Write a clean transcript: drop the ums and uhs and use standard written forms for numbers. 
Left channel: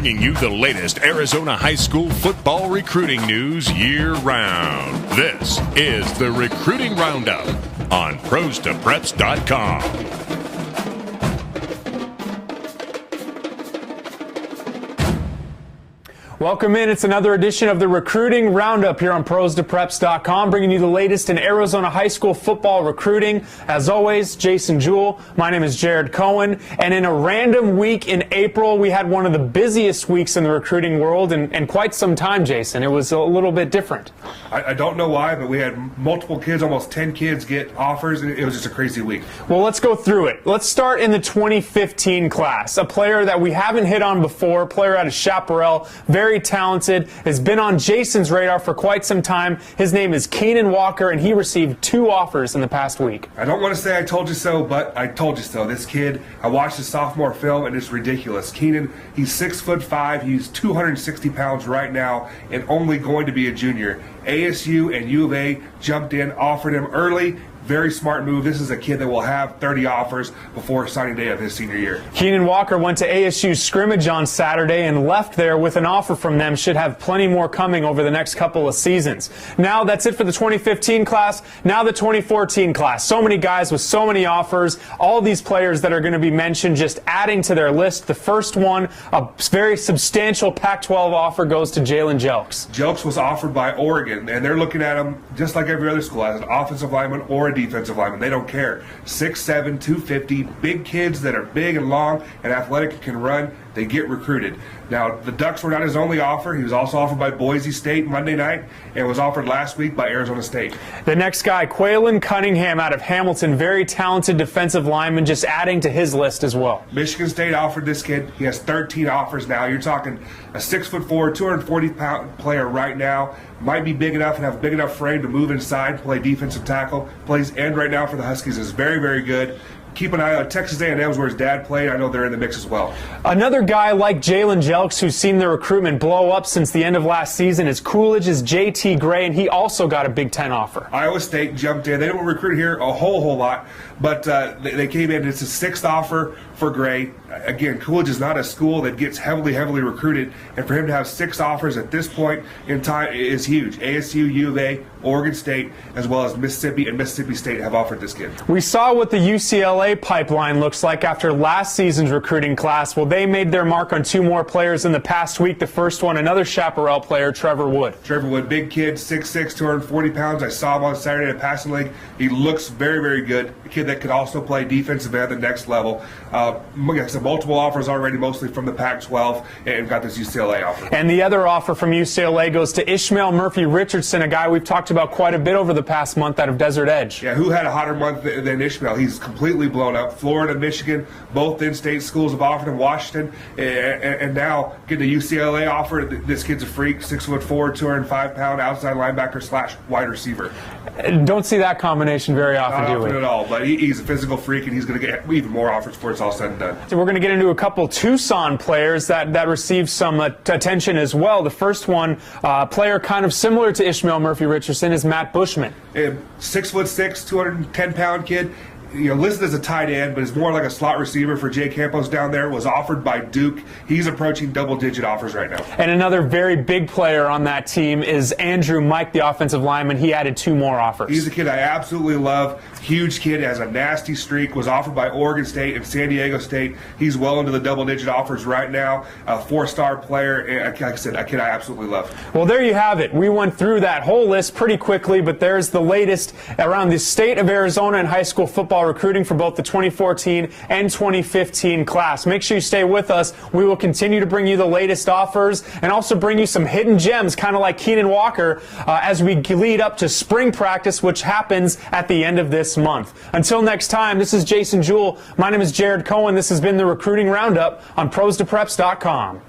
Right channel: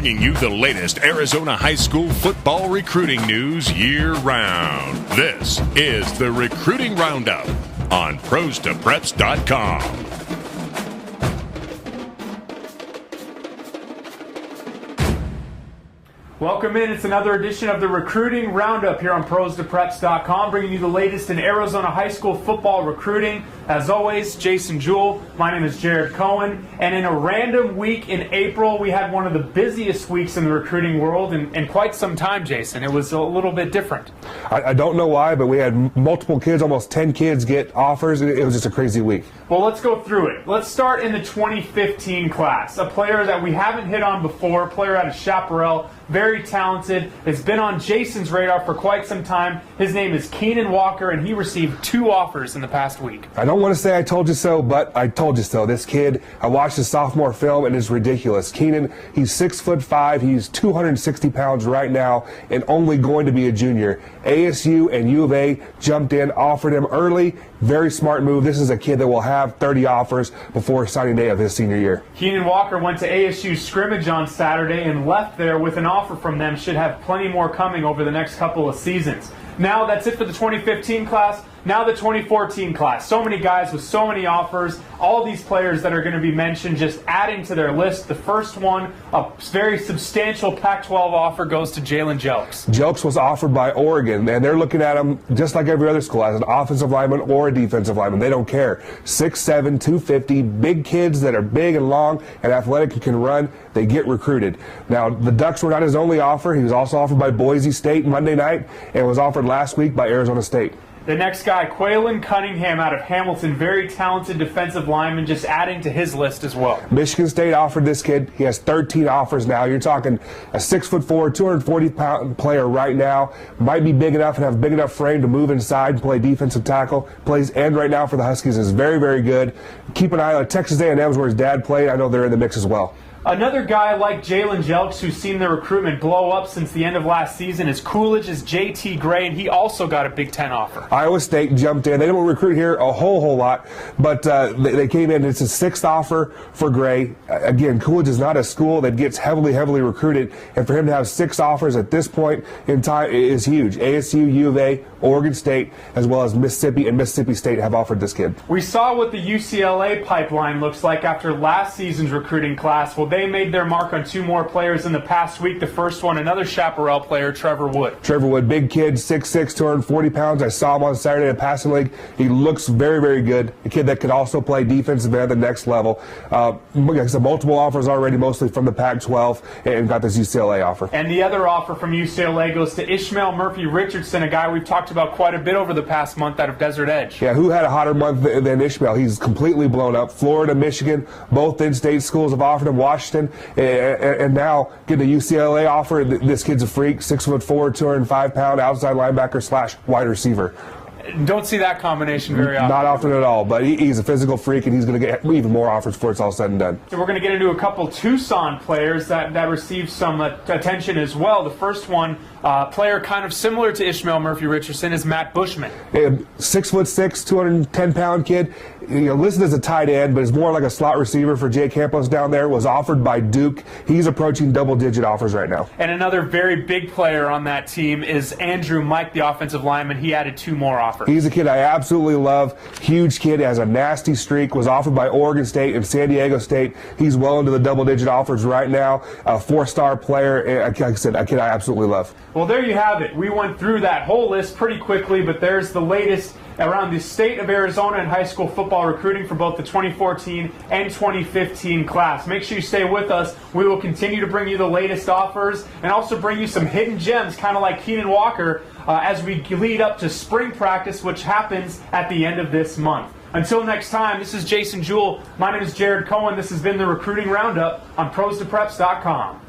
bringing you the latest Arizona high school football recruiting news year-round. This is the Recruiting Roundup on ProsToPreps.com. Welcome in. It's another edition of the Recruiting Roundup here on ProsToPreps.com, bringing you the latest in Arizona high school football recruiting. As always, Jason Jewell. My name is Jared Cohen. And in a random week in April, we had one of the busiest weeks in the recruiting world in quite some time, Jason. It was a little bit different. I don't know why, but we had multiple kids, almost 10 kids get offers. It was just a crazy week. Well, let's go through it. Let's start in the 2015 class. A player that we haven't hit on before, a player out of Chaparral, very talented, has been on Jason's radar for quite some time. His name is Keenan Walker, and he received 2 offers in the past week. I don't want to say I told you so, but I told you so. This kid, I watched his sophomore film, and it's ridiculous. Keenan, he's 6'5", he's 260 pounds right now, and only going to be a junior. ASU and U of A jumped in, offered him early. Very smart move. This is a kid that will have 30 offers before signing day of his senior year. Keenan Walker went to ASU's scrimmage on Saturday and left there with an offer from them. Should have plenty more coming over the next couple of seasons. Now that's it for the 2015 class. Now the 2014 class. So many guys with so many offers. All these players that are going to be mentioned just adding to their list. The first one, a very substantial Pac-12 offer, goes to Jalen Jelks. Jelks was offered by Oregon, and they're looking at him just like every other school, as an offensive lineman or a defensive lineman. They don't care. 6'7", 250, big kids that are big and long and athletic and can run, they get recruited. Now, the Ducks were not his only offer. He was also offered by Boise State Monday night and was offered last week by Arizona State. The next guy, Quaylen Cunningham out of Hamilton, very talented defensive lineman, just adding to his list as well. Michigan State offered this kid. He has 13 offers now. You're talking a 6'4", 240-pound player right now. Might be big enough and have a big enough frame to move inside and play defensive tackle. Plays end right now for the Huskies is very, very good. Keep an eye on Texas A&M's where his dad played. I know they're in the mix as well. Another guy like Jalen Jelks who's seen the recruitment blow up since the end of last season is Coolidge's J.T. Gray, and he also got a Big Ten offer. Iowa State jumped in. They didn't recruit here a whole lot, but they came in. It's a 6th offer for Gray. Again, Coolidge is not a school that gets heavily recruited, and for him to have 6 offers at this point in time is huge. ASU, U of A, Oregon State, as well as Mississippi and Mississippi State have offered this kid. We saw what the UCLA pipeline looks like after last season's recruiting class. Well, they made their mark on 2 more players in the past week. The first one, another Chaparral player, Trevor Wood. Trevor Wood, big kid, 6'6", 240 pounds. I saw him on Saturday in a passing league. He looks very, very good. A kid that could also play defensive end at the next level. Like I said, multiple offers already, mostly from the Pac-12, and got this UCLA offer. And the other offer from UCLA goes to Ishmael Murphy-Richardson, a guy we've talked about quite a bit over the past month out of Desert Edge. Yeah, who had a hotter month than Ishmael? He's completely blown up. Florida, Michigan, both in-state schools have offered him. Washington, and now getting a UCLA offer. This kid's a freak, 6'4", 205-pound outside linebacker / wide receiver. Don't see that combination very often. Not often at all, but he's a physical freak, and he's going to get even more offers before it's all said and done. So we're going to get into a couple Tucson players that received some attention as well. The first one, player kind of similar to Ishmael Murphy-Richardson, is Matt Bushman. 6'6", 210-pound kid. Listed as a tight end, but is more like a slot receiver for Jay Campos down there. Was offered by Duke. He's approaching double-digit offers right now. And another very big player on that team is Andrew Mike, the offensive lineman. He added 2 more offers. He's a kid I absolutely love. Huge kid, has a nasty streak. Was offered by Oregon State and San Diego State. He's well into the double-digit offers right now. A 4-star player. And like I said, a kid I absolutely love. Well, there you have it. We went through that whole list pretty quickly, but there's the latest around the state of Arizona and high school football recruiting for both the 2014 and 2015 class. Make sure you stay with us. We will continue to bring you the latest offers and also bring you some hidden gems, kind of like Keenan Walker, as we lead up to spring practice, which happens at the end of this month. Until next time, this is Jason Jewell. My name is Jared Cohen. This has been the Recruiting Roundup on ProsToPreps.com.